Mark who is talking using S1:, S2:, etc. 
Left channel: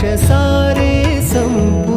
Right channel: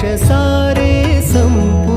S1: दोष सारे संपूर्ण